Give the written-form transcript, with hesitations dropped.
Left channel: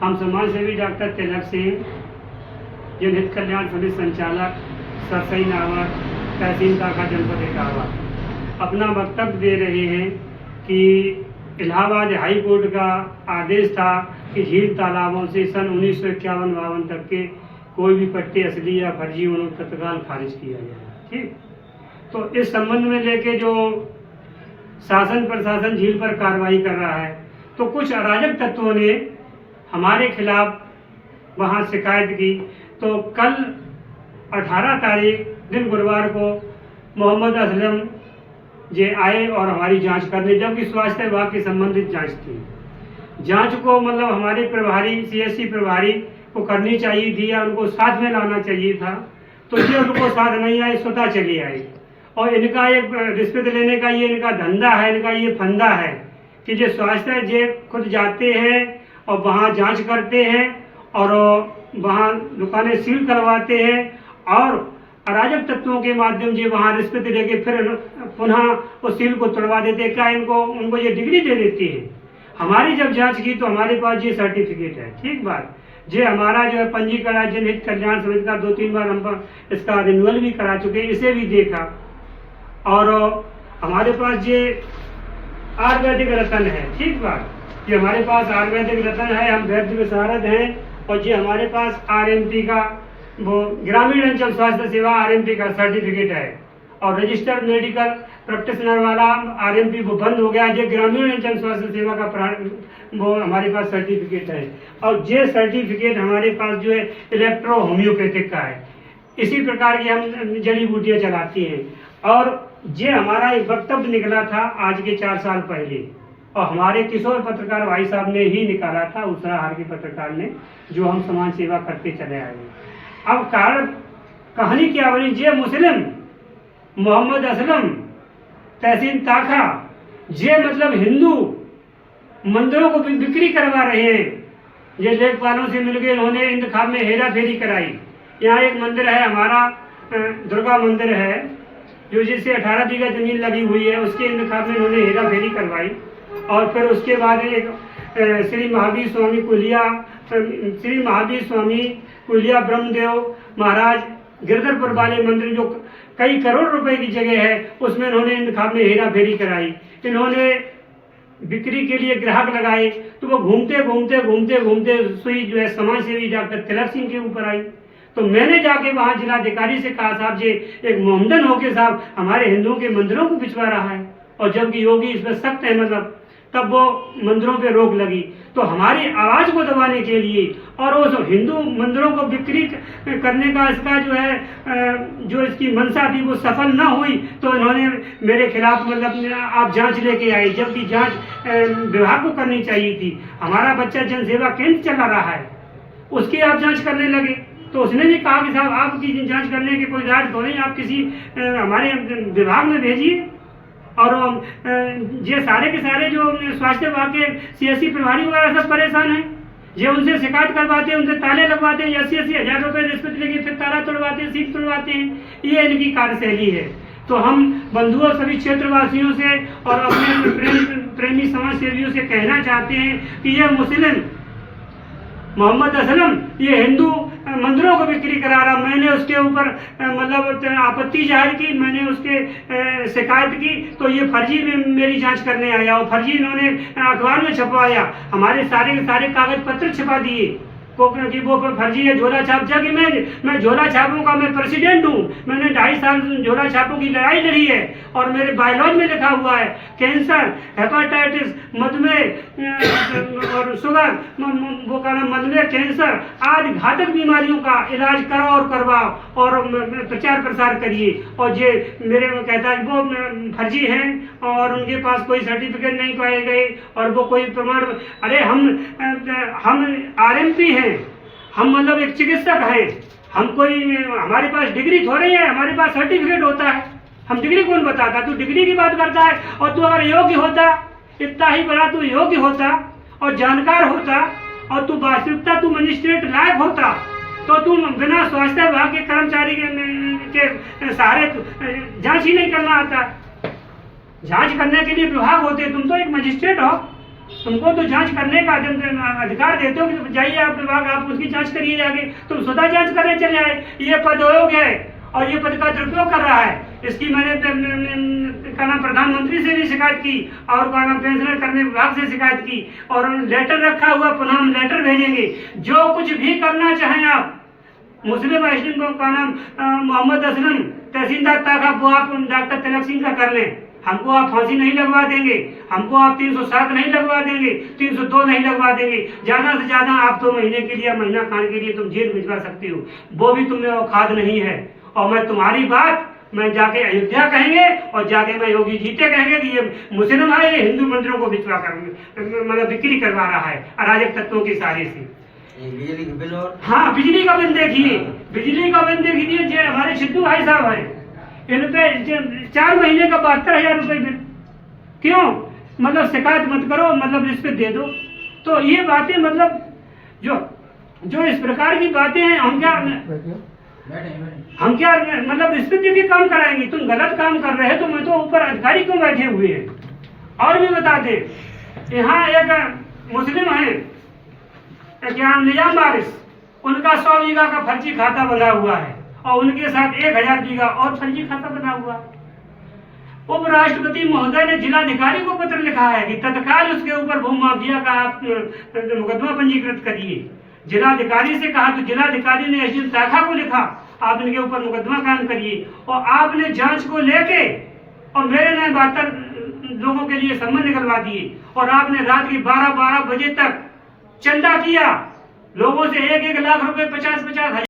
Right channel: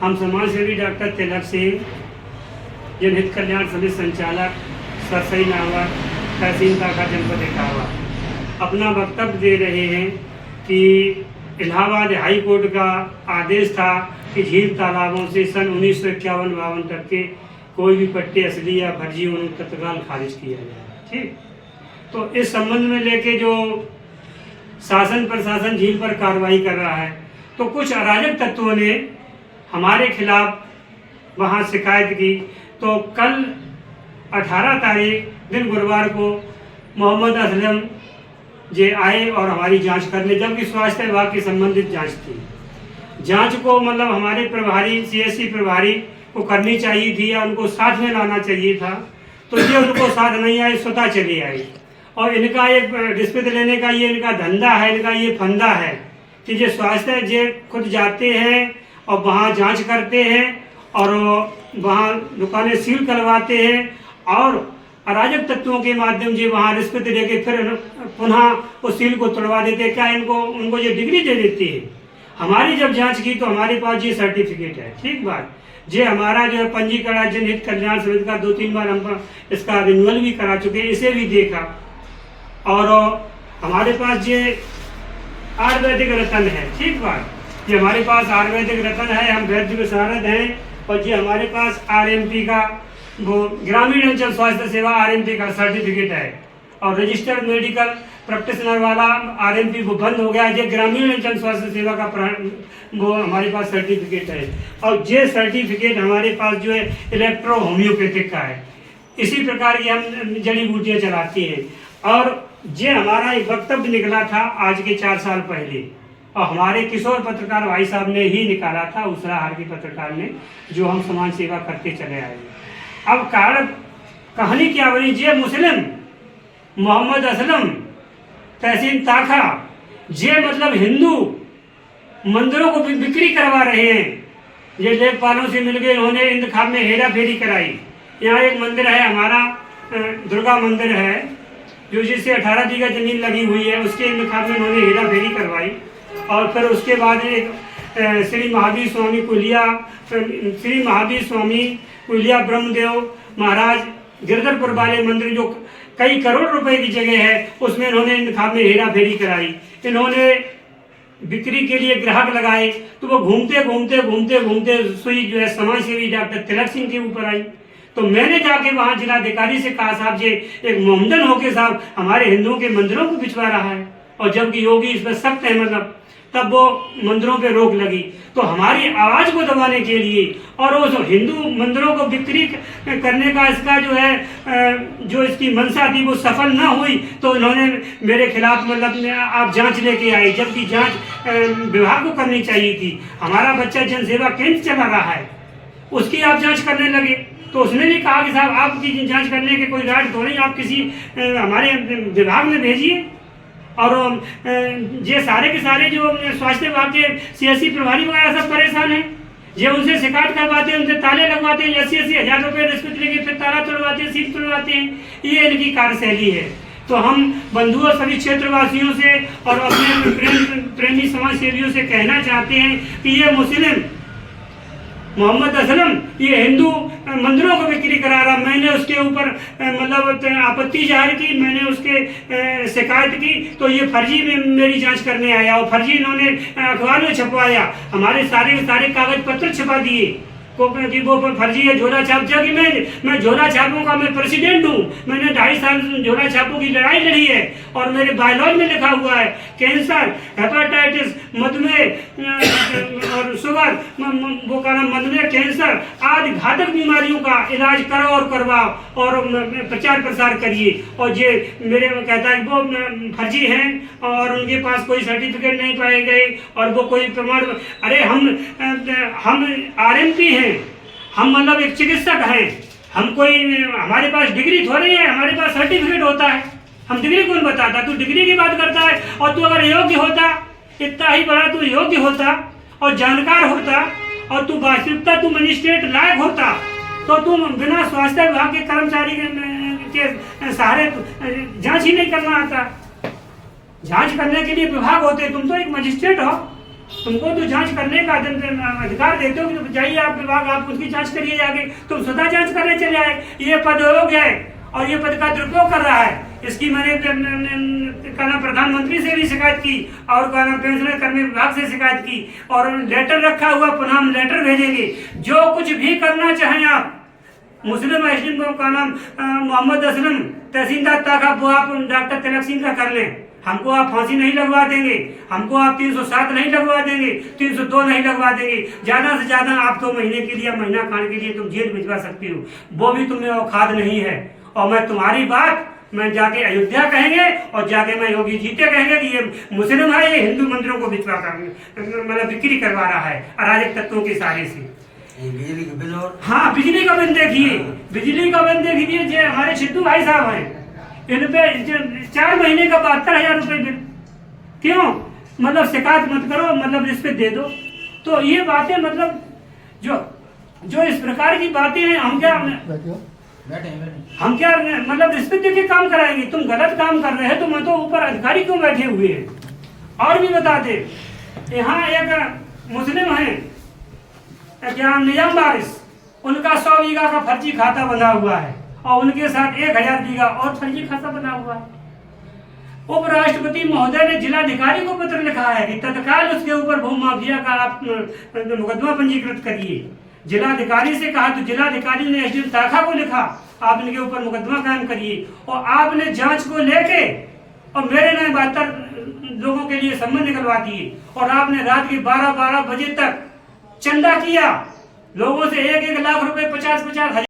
हम समाज सेवी डॉक्टर तिलक सिंह, जनहित कल्याण समिति संचालक, सरसई नावा, तहसील ताखा, जनपद इटावा, अपना वक्तव्य दे रहे हैं कि इलाहाबाद हाई कोर्ट का आदेश था कि झील तालाबों से सन 1951-52 तक के कोई भी पट्टे असली या फर्जी उन्हें तत्काल खारिज किया जाए। ठीक, तो इस संबंध में लेके जो शासन प्रशासन झील पर कार्रवाई कर रहा है, तो कुछ अराजक तत्वों ने हमारे खिलाफ वहाँ शिकायत की। तो कल 18 तारीख दिन गुरुवार को मोहम्मद असलम जे आए और हमारी जांच करने, जबकि स्वास्थ्य विभाग की संबंधित जांच थी। जांच को मतलब हमारे प्रभारी सीएससी प्रभारी को करनी चाहिए थी या उनको साथ में लाना चाहिए था, तो ये उनको साथ नहीं आए, स्वतः चले आए। और इनका एक रिश्वत लेने का ये इनका धंधा है, इनका ये फंदा है कि जो स्वास्थ्य जे खुद जाते हैं और वहाँ जांच करते हैं और वहाँ दुकानें सील करवाते हैं और अराजक तत्वों के माध्यम से वहाँ रिश्वत लेके फिर पुनः उस सील को तोड़वा देते हैं। क्या उनको ये डिग्री दे देती है? हमारी जब जांच की तो हमारे पास ये सर्टिफिकेट है। ठीक बात, जे हमारा जो है पंजीकरण जनहित कल्याण समिति का 2-3 बार हम इसका रिन्यूअल भी करा चुके हैं, इसे भी देखा। और हमारे पास ये आयुर्वेदिक रतन है। ठीक बात, ये हमारे पास आयुर्वेदिक रतन है, हम वैद्य विशारद हैं। और ये हमारे पास आरएमपी का वो ग्रामीण अंचल स्वास्थ्य सेवा आरएमपी का सर्टिफिकेट है। और रजिस्टर्ड मेडिकल प्रैक्टिशनर वाला आरएमपी वो बंद हो गया, ये ग्रामीण अंचल स्वास्थ्य सेवा का वो हमारे पास सर्टिफिकेट है। और ये सर्टिफिकेट हमारे पास जो है इलेक्ट्रो होम्योपैथिक का है। इसी प्रकार की हम जड़ी बूटियाँ चलाती हैं। और ये हमारा एक वक्तव्य निकला था आज के 4 साल पहले, और हमारे किशोर पत्रकार भाई साहब ने ही निकाला था, उसराहार के पत्रकार ने, जो हम समाज सेवा करते चले आए हैं। अब कारण कहानी क्या बनी, ये मुस्लिम मोहम्मद असलम तहसील ताखा, ये मतलब हिंदू मंदिरों को बिक्री करवा रहे हैं। ये लेखपालों से मिल गए, उन्होंने इंतखाब में हेरा फेरी कराई। यहाँ एक मंदिर है हमारा, दुर्गा मंदिर है, जो जिससे 18 बीघा जमीन लगी हुई है, उसके इंतखाब में उन्होंने हेरा फेरी करवाई। और फिर उसके बाद एक श्री महावीर स्वामी कुलिया ब्रह्मदेव महाराज गिरधरपुर वाले मंदिर, जो कई करोड़ रुपए की जगह है, उसमें इन्होंने इंतखाब में हेरा फेरी कराई। इन्होंने बिक्री के लिए ग्राहक लगाए, तो वो घूमते सुई जो है समाज सेवी डॉक्टर तिलक सिंह के ऊपर आई। तो मैंने जाके वहाँ जिलाधिकारी से कहा, साहब ये एक मोमडन होके साहब हमारे हिंदुओं के मंदिरों को बिचवा रहा है, और जबकि योगी इस पर सख्त है, मतलब तब वो मंदिरों पे रोक लगी। तो हमारी आवाज को दबाने के लिए और उस हिंदू मंदिरों को बिक्री करने का इसका जो है जो इसकी मंशा थी वो सफल ना हुई, तो इन्होंने मेरे खिलाफ मतलब आप जांच लेके आए, जबकि जांच विभाग को करनी चाहिए थी। हमारा बच्चा जनसेवा केंद्र चला रहा है, उसकी आप जांच करने लगे। तो उसने भी कहा कि साहब आपकी जांच करने के कोई राइट तो नहीं, आप किसी हमारे विभाग में भेजिए। और ये सारे के सारे जो स्वास्थ्य विभाग के सीएससी प्रभारी वगैरह सब परेशान हैं। ये उनसे शिकायत करवाते हैं, उनसे ताले लगवाते हैं, 80-80 हज़ार रुपये रिश्वत लेके फिर ताला तोड़वाते हैं, सीट तोड़वाते हैं। ये इनकी कार्यशैली है। तो हम बंधुओं सभी क्षेत्रवासियों से और अपने प्रेमी समाज सेवियों से कहना चाहते हैं कि ये मुस्लिम मोहम्मद असलम ये हिंदू मंदिरों को बिक्री करा रहा। मैंने उसके ऊपर मतलब आपत्ति जाहिर की, मैंने उसके शिकायत की, तो ये फर्जी में मेरी जांच करने आया और फर्जी इन्होंने अखबार में छपवाया, हमारे सारे कागज पत्र छपा दिए कि वो फर्जी है, झोला छाप। जबकि मैं झोला छापों का मैं प्रेसिडेंट हूँ, मैंने 2.5 साल झोला छापों की लड़ाई लड़ी है और मेरे बायोलॉजी में लिखा हुआ है कैंसर, हेपेटाइटिस, मधुमेह और शुगर, वो कहना मधुमेह, कैंसर आदि घातक बीमारियों का इलाज करो और करवाओ और प्रचार प्रसार करिए। और ये मेरे कहता है वो फर्जी हैं और उनके पास कोई सर्टिफिकेट नहीं पाए गए और वो कोई प्रमाण। अरे हम आरएमपी हैं, हम मतलब एक चिकित्सक हैं, हम कोई हमारे पास डिग्री थोड़ी है, हमारे पास सर्टिफिकेट होता है। हम डिग्री कौन बताता? तू डिग्री की बात करता है। और तू अगर योग्य होता, इतना ही बड़ा तू योग्य होता और जानकार होता और तू वास्तविकता तू मजिस्ट्रेट लायक होता, तो तू बिना स्वास्थ्य विभाग के कर्मचारी के सहारे जांच ही नहीं करना आता। जांच करने के लिए विभाग होते, तुम तो एक मजिस्ट्रेट हो, तुमको तो जांच करने का अधिकार देते हो कि जाइए आप विभाग, आप उसकी जांच करिए जाके। तुम स्वतः जांच करने चले आए। ये पदयोग है और ये पद का दुरुपयोग कर रहा है। इसकी मैंने क्या नाम प्रधानमंत्री से भी शिकायत की और क्या नाम पेंशनर कर्मी विभाग से शिकायत की और लेटर रखा हुआ, पुनः हम लेटर भेजेंगे। जो कुछ भी करना चाहें आप, मुस्लिम एसडीएम को का नाम मोहम्मद असलम तहसीलदार ताका वो आप डॉक्टर तिलक सिंह का कर लें। हमको आप फांसी नहीं लगवा देंगे, हमको आप 307 नहीं लगवा देंगे, 302 नहीं लगवा देंगे। ज्यादा से ज्यादा आप 2 महीने के लिए, महीना खाने के लिए तुम जेल भिजवा सकती हो, वो भी तुम्हें औकात नहीं है। और मैं तुम्हारी बात मैं जाके अयोध्या कहेंगे और जाके मैं योगी जी के कहेंगे कि ये मुस्लिम है, ये हिंदू मंदिरों को बिचवा कर मतलब बिक्री करवा रहा है अराजक तत्वों के सहारे से। बिजली का बिल और हाँ, बिजली का बिल देखिए, बिजली का बिल देखिए। जो हमारे सिद्धू भाई साहब हैं, इन पे 4 महीने का 72,000 रुपये बिल। क्यों? मतलब शिकायत मत करो, मतलब रिश्वत दे दो। तो ये बातें मतलब जो इस प्रकार की बातें हैं, हम क्या मतलब रिश्वत देके काम कराएंगे? तुम गलत काम कर रहे हो, तुम तो ऊपर अधिकारी क्यों बैठे हुए हैं? और भी बता दे, यहाँ एक मुस्लिम है क्या निजाम बारिश, उनका 100 बीघा का फर्जी खाता बना हुआ है और उनके साथ 1000 बीघा और फर्जी खाता बना हुआ है। उपराष्ट्रपति महोदय ने जिलाधिकारी को पत्र लिखा है कि तत्काल उसके ऊपर भू माफिया का आप मुकदमा पंजीकृत करिए। जिलाधिकारी से कहा तो जिलाधिकारी ने एसडीएम ताखा को लिखा, आप इनके ऊपर मुकदमा कायम करिए। और आपने जांच को लेके और मेरे ने 72 लोगों के लिए सम्मन निकलवा दिए और आपने रात के 12 बजे तक चंदा किया लोगों से 1-1 लाख रुपए 50-50 हजार